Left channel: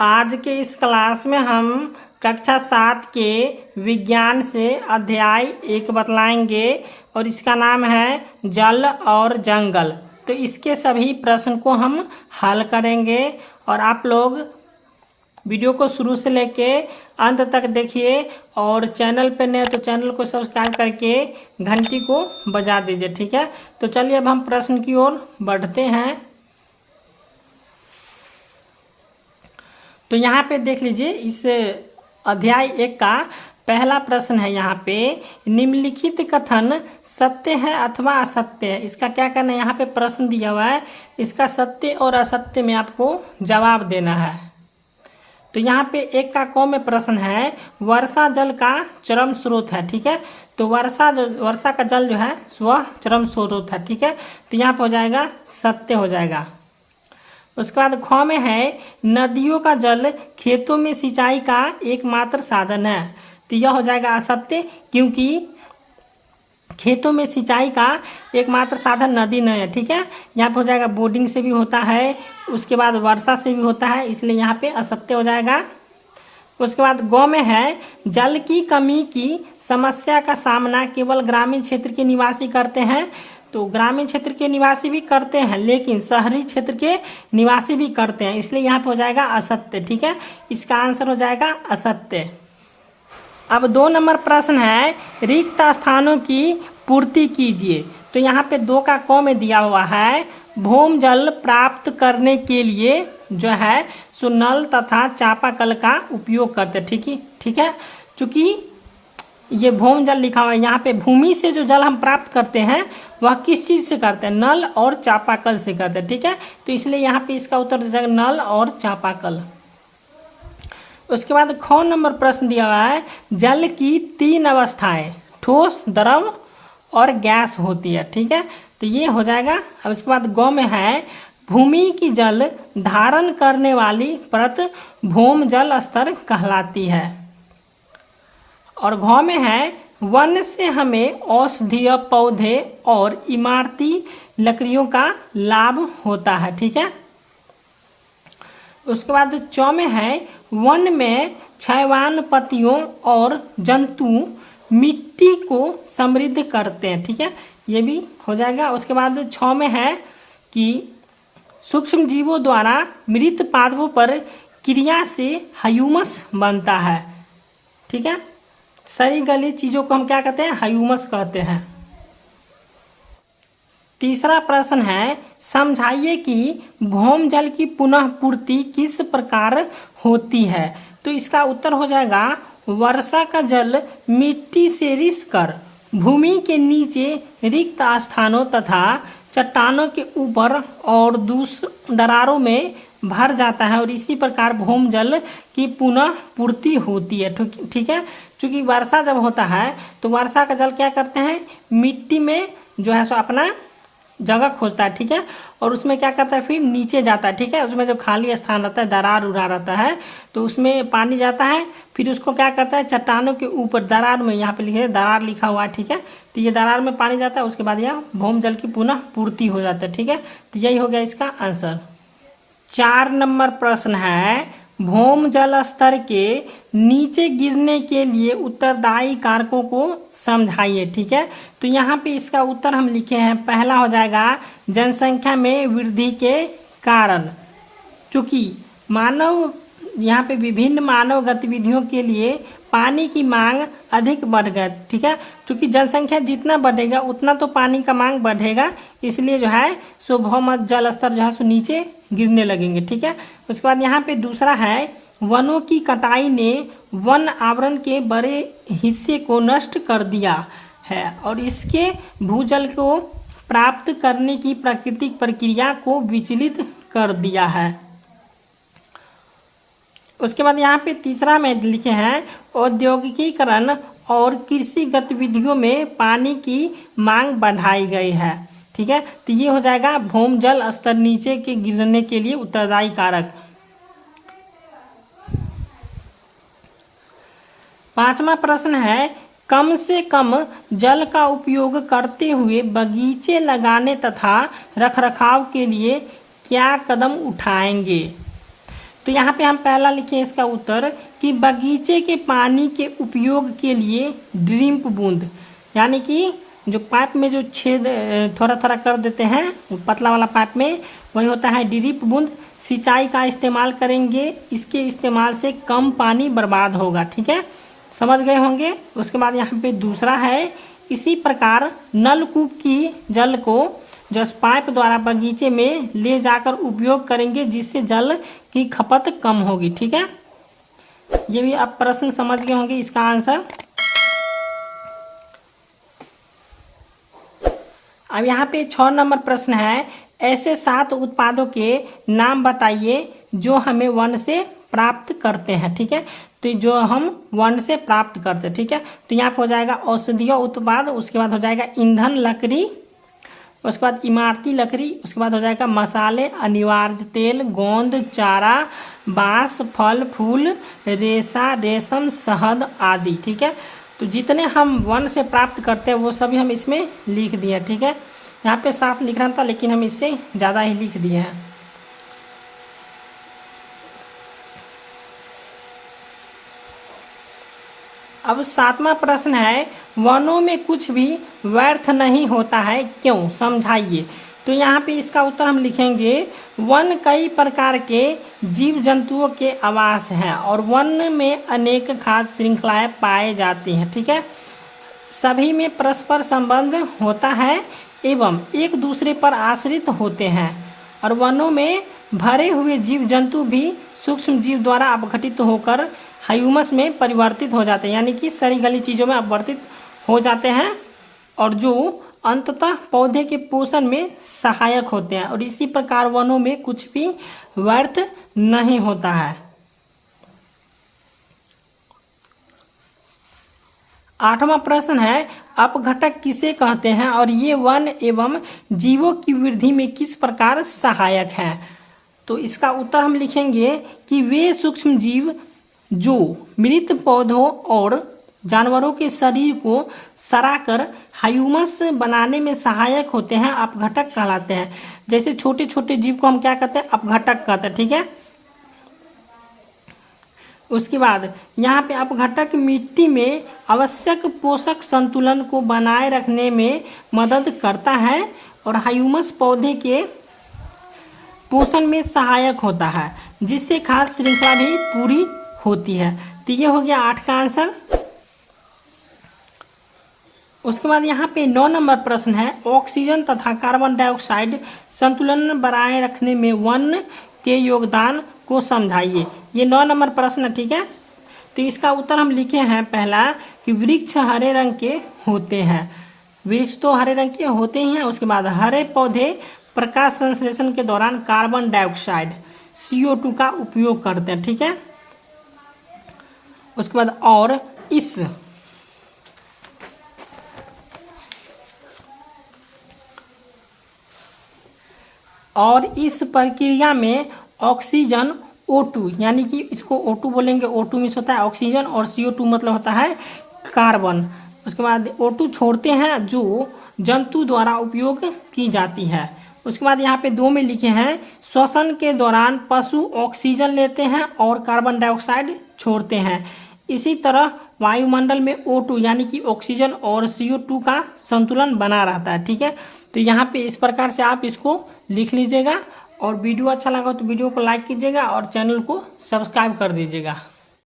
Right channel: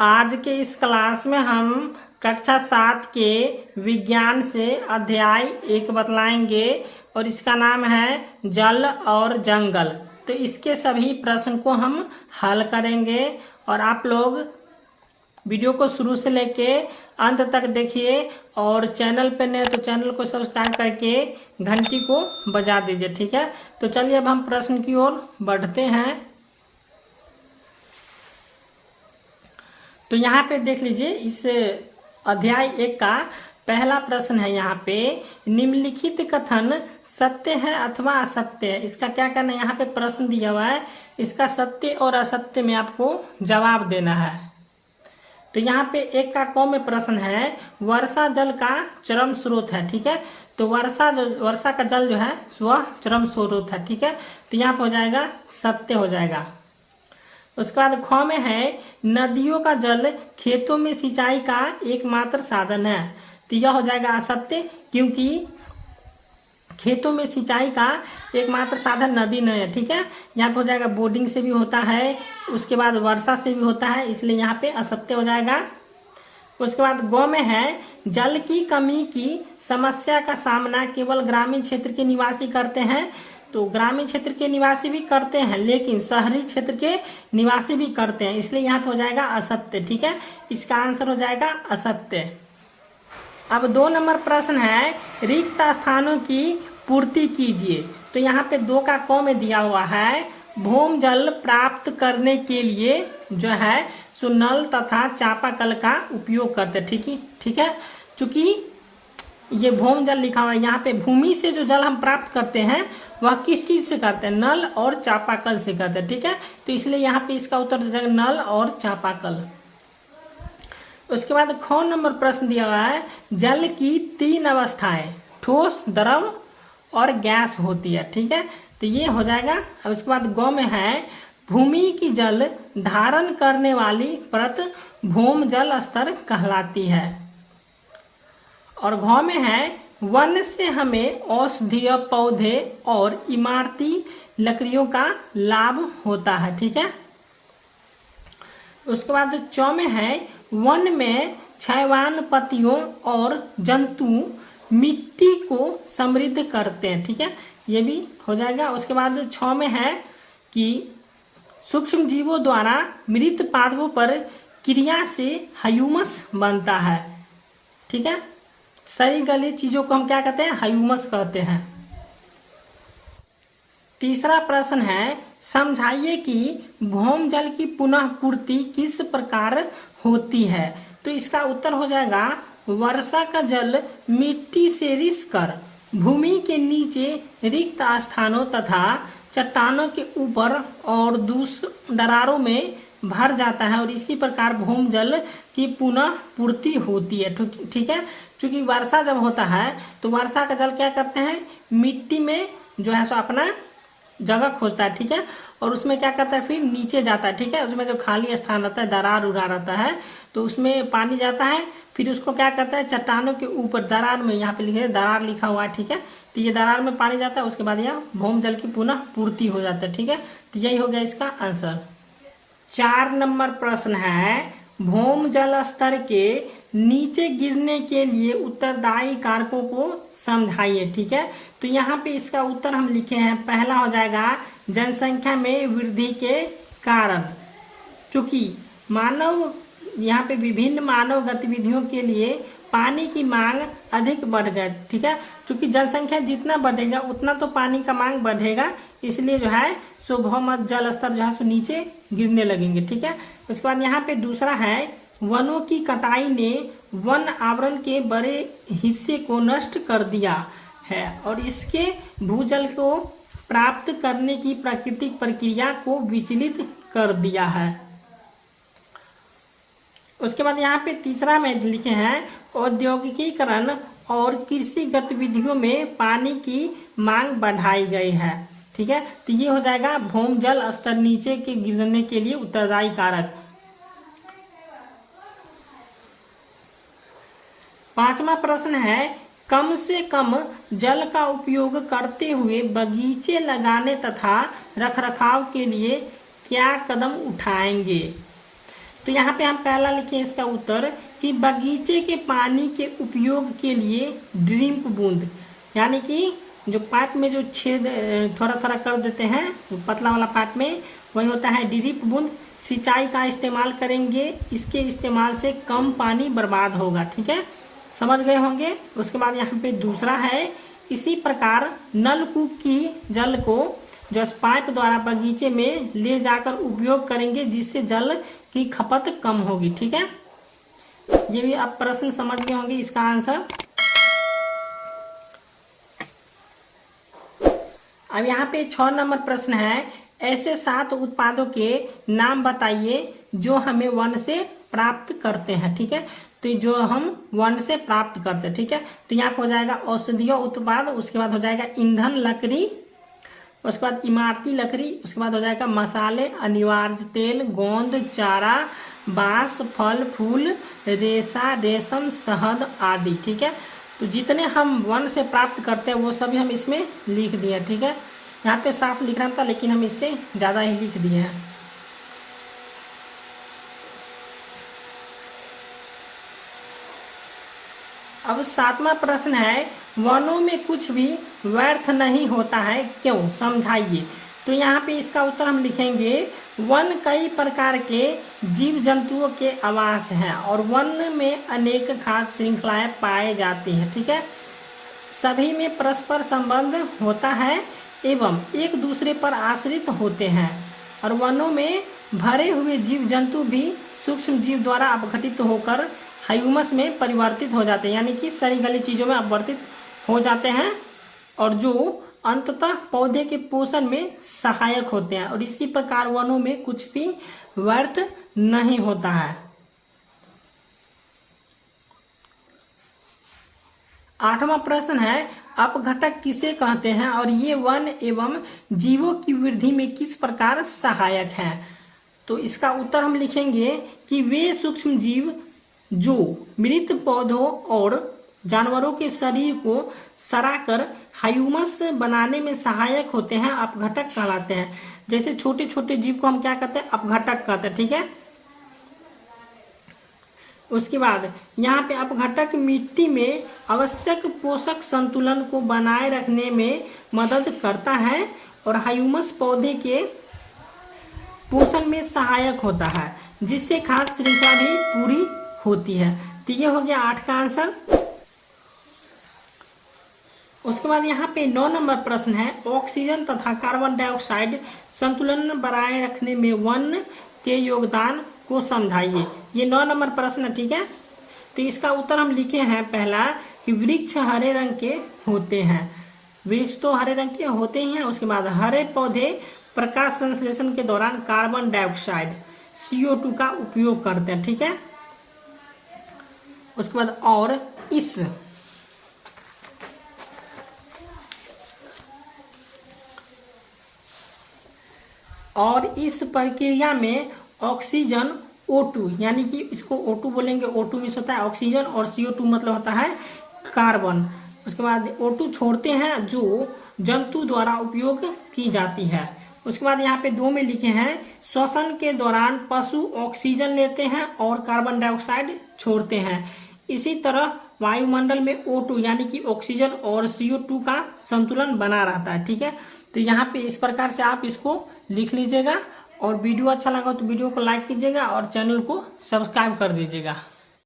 आज के इस क्लास में हम कक्षा 7 के विज्ञान से अध्याय 1 बतलाएंगे और इसका नाम है जल और जंगल। तो इसके सभी प्रश्न को हम हल करेंगे और आप लोग वीडियो को शुरू से लेके अंत तक देखिए और चैनल पे नए तो चैनल को सब्सक्राइब करके घंटी को बजा दीजिए, ठीक है। तो चलिए अब हम प्रश्न की ओर बढ़ते हैं। तो यहाँ पे देख लीजिए, इस अध्याय 1 का पहला प्रश्न है। यहाँ पे निम्नलिखित कथन सत्य है अथवा असत्य है। इसका क्या करना है, यहाँ पे प्रश्न दिया हुआ है, इसका सत्य और असत्य में आपको जवाब देना है। तो यहाँ पे 1 का क में प्रश्न है, वर्षा जल का चरम स्रोत है, ठीक है। तो वर्षा का जल जो है वह चरम स्रोत है, ठीक है। तो यहाँ पे हो जाएगा सत्य हो जाएगा। उसके बाद ख में है, नदियों का जल खेतों में सिंचाई का एकमात्र साधन है। तो यह हो जाएगा असत्य, क्योंकि खेतों में सिंचाई का एकमात्र साधन नदी नहीं है, ठीक है। यहाँ पे हो जाएगा बोर्डिंग से भी होता है, उसके बाद वर्षा से भी होता है, इसलिए यहाँ पे असत्य हो जाएगा। उसके बाद ग में है, जल की कमी की समस्या का सामना केवल ग्रामीण क्षेत्र के निवासी करते हैं। तो ग्रामीण क्षेत्र के निवासी भी करते हैं, लेकिन शहरी क्षेत्र के निवासी भी करते हैं, इसलिए यहाँ पे हो जाएगा असत्य, ठीक है। इसका आंसर हो जाएगा असत्य। अब 2 नंबर प्रश्न है, रिक्त स्थानों की पूर्ति कीजिए। तो यहाँ पे 2 का क में दिया हुआ है, भूम जल प्राप्त करने के लिए जो है सो नल तथा चापाकल का उपयोग करते, ठीक है। चूंकि ये भूम जल लिखा हुआ है, यहाँ पे भूमि से जो जल हम प्राप्त करते हैं वह किस चीज से करते हैं, नल और चापाकल से करते हैं, ठीक है। तो इसलिए यहाँ पे इसका उत्तर हो जाएगा नल और चापाकल। उसके बाद ख नंबर प्रश्न दिया हुआ है, जल की 3 अवस्थाएं ठोस, द्रव और गैस होती है, ठीक है। तो ये हो जाएगा। अब इसके बाद ग में है, भूमि की जल धारण करने वाली परत भूम जल स्तर कहलाती है। और घ में है, वन से हमें औषधीय पौधे और इमारती लकड़ियों का लाभ होता है, ठीक है। उसके बाद च में है, वन में क्षयवान पत्तियों और जंतु मिट्टी को समृद्ध करते हैं, ठीक है। ये भी हो जाएगा। उसके बाद 6 में है कि सूक्ष्म जीवों द्वारा मृत पादपों पर क्रिया से ह्यूमस बनता है, ठीक है। सड़ी गली चीजों को हम क्या कहते हैं, ह्यूमस कहते हैं। तीसरा प्रश्न है, समझाइए कि भूम जल की पुनः पूर्ति किस प्रकार होती है। तो इसका उत्तर हो जाएगा, वर्षा का जल मिट्टी से रिस कर भूमि के नीचे रिक्त स्थानों तथा चट्टानों के ऊपर और दरारों में भर जाता है और इसी प्रकार भूम जल की पुनः पूर्ति होती है, ठीक है। क्योंकि वर्षा जब होता है तो वर्षा का जल क्या करते हैं, मिट्टी में जो है सो अपना जगह खोजता है, ठीक है। और उसमें क्या करता है, फिर नीचे जाता है, ठीक है। उसमें जो खाली स्थान रहता है, दरार उरा रहता है, तो उसमें पानी जाता है, फिर उसको क्या करता है, चट्टानों के ऊपर दरार में, यहाँ पे लिखे दरार लिखा हुआ है, ठीक है। तो ये दरार में पानी जाता है, उसके बाद यह भूम जल की पुनः पूर्ति हो जाता है, ठीक है। तो यही हो गया इसका आंसर। 4 नंबर प्रश्न है, भूम जल स्तर के नीचे गिरने के लिए उत्तरदायी कारकों को समझाइए, ठीक है। तो यहाँ पे इसका उत्तर हम लिखे हैं, पहला हो जाएगा जनसंख्या में वृद्धि के कारण, क्योंकि मानव यहाँ पे विभिन्न मानव गतिविधियों के लिए पानी की मांग अधिक बढ़ गई, ठीक है। क्योंकि जनसंख्या जितना बढ़ेगा उतना तो पानी का मांग बढ़ेगा, इसलिए जो है सो भूम जल स्तर जो है सो नीचे गिरने लगेंगे, ठीक है। उसके बाद यहाँ पे दूसरा है, वनों की कटाई ने वन आवरण के बड़े हिस्से को नष्ट कर दिया है और इसके भूजल को प्राप्त करने की प्राकृतिक प्रक्रिया को विचलित कर दिया है। उसके बाद यहाँ पे तीसरा में लिखे हैं, औद्योगिकीकरण और कृषि गतिविधियों में पानी की मांग बढ़ाई गई है, ठीक है। तो ये हो जाएगा भूम जल स्तर नीचे के गिरने के लिए उत्तरदायी कारक। 5वां प्रश्न है, कम से कम जल का उपयोग करते हुए बगीचे लगाने तथा रखरखाव के लिए क्या कदम उठाएंगे। तो यहाँ पे हम पहला लिखे इसका उत्तर कि बगीचे के पानी के उपयोग के लिए ड्रिप बूंद, यानी कि जो पाइप में जो छेद थोड़ा थोड़ा कर देते हैं पतला वाला पाइप में, वही होता है ड्रिप बूंद। सिंचाई का इस्तेमाल करेंगे, इसके इस्तेमाल से कम पानी बर्बाद होगा। ठीक है, समझ गए होंगे। उसके बाद यहाँ पे दूसरा है, इसी प्रकार नलकूप की जल को जो पाइप द्वारा बगीचे में ले जाकर उपयोग करेंगे, जिससे जल की खपत कम होगी। ठीक है, ये भी आप प्रश्न समझ गए होंगे इसका आंसर। अब यहाँ पे 6 नंबर प्रश्न है, ऐसे 7 उत्पादों के नाम बताइए जो हमें वन से प्राप्त करते हैं। ठीक है, तो जो हम वन से प्राप्त करते हैं। ठीक है, तो यहाँ पे हो जाएगा औषधीय उत्पाद, उसके बाद हो जाएगा ईंधन लकड़ी, उसके बाद इमारती लकड़ी, उसके बाद हो जाएगा मसाले, अनिवार्य तेल, गोंद, चारा, बांस, फल फूल, रेशा, रेशम, शहद आदि। ठीक है, तो जितने हम वन से प्राप्त करते हैं वो सभी हम इसमें लिख दिए। ठीक है, यहाँ पे 7 लिखना था लेकिन हम इससे ज्यादा ही लिख दिए हैं। अब 7वां प्रश्न है, वनों में कुछ भी व्यर्थ नहीं होता है, क्यों, समझाइए। तो यहाँ पे इसका उत्तर हम लिखेंगे, वन कई प्रकार के जीव जंतुओं के आवास है और वन में अनेक खाद्य श्रृंखलाएं पाए जाती हैं। ठीक है, सभी में परस्पर संबंध होता है एवं एक दूसरे पर आश्रित होते हैं और वनों में भरे हुए जीव जंतु भी सूक्ष्म जीव द्वारा अपघटित होकर ह्यूमस में परिवर्तित हो जाते हैं, यानी कि सड़ी गली चीजों में अपवर्तित हो जाते हैं और जो अंततः पौधे के पोषण में सहायक होते हैं। और इसी प्रकार वनों में कुछ भी व्यर्थ नहीं होता है। 8वां प्रश्न है, अपघटक किसे कहते हैं और ये वन एवं जीवों की वृद्धि में किस प्रकार सहायक हैं। तो इसका उत्तर हम लिखेंगे कि वे सूक्ष्म जीव जो मृत पौधों और जानवरों के शरीर को सड़ाकर ह्यूमस बनाने में सहायक होते हैं, अपघटक कहलाते हैं। जैसे छोटे छोटे जीव को हम क्या कहते हैं, अपघटक कहते हैं। ठीक है, उसके बाद यहाँ पे अपघटक मिट्टी में आवश्यक पोषक संतुलन को बनाए रखने में मदद करता है और ह्यूमस पौधे के पोषण में सहायक होता है, जिससे खाद्य श्रृंखला भी पूरी होती है। तो ये हो गया 8 का आंसर। उसके बाद यहाँ पे 9 नंबर प्रश्न है, ऑक्सीजन तथा कार्बन डाइऑक्साइड संतुलन बनाए रखने में वन के योगदान को समझाइए। ये 9 नंबर प्रश्न है। ठीक है, तो इसका उत्तर हम लिखे हैं पहला कि वृक्ष हरे रंग के होते हैं। वृक्ष तो हरे रंग के होते ही हैं। उसके बाद हरे पौधे प्रकाश संश्लेषण के दौरान कार्बन डाइऑक्साइड CO2 का उपयोग करते हैं। ठीक है, उसके बाद और इस प्रक्रिया में ऑक्सीजन O2, यानी कि इसको O2 बोलेंगे, O2 मीन्स होता है ऑक्सीजन और CO2 मतलब होता है कार्बन। उसके बाद O2 छोड़ते हैं जो जंतु द्वारा उपयोग की जाती है। उसके बाद यहाँ पे 2 में लिखे हैं, श्वसन के दौरान पशु ऑक्सीजन लेते हैं और कार्बन डाइऑक्साइड छोड़ते हैं। इसी तरह वायुमंडल में O2 यानी कि ऑक्सीजन और CO2 का संतुलन बना रहता है। ठीक है, तो यहाँ पे इस प्रकार से आप इसको लिख लीजिएगा और वीडियो अच्छा लगा तो वीडियो को लाइक कीजिएगा और चैनल को सब्सक्राइब कर दीजिएगा।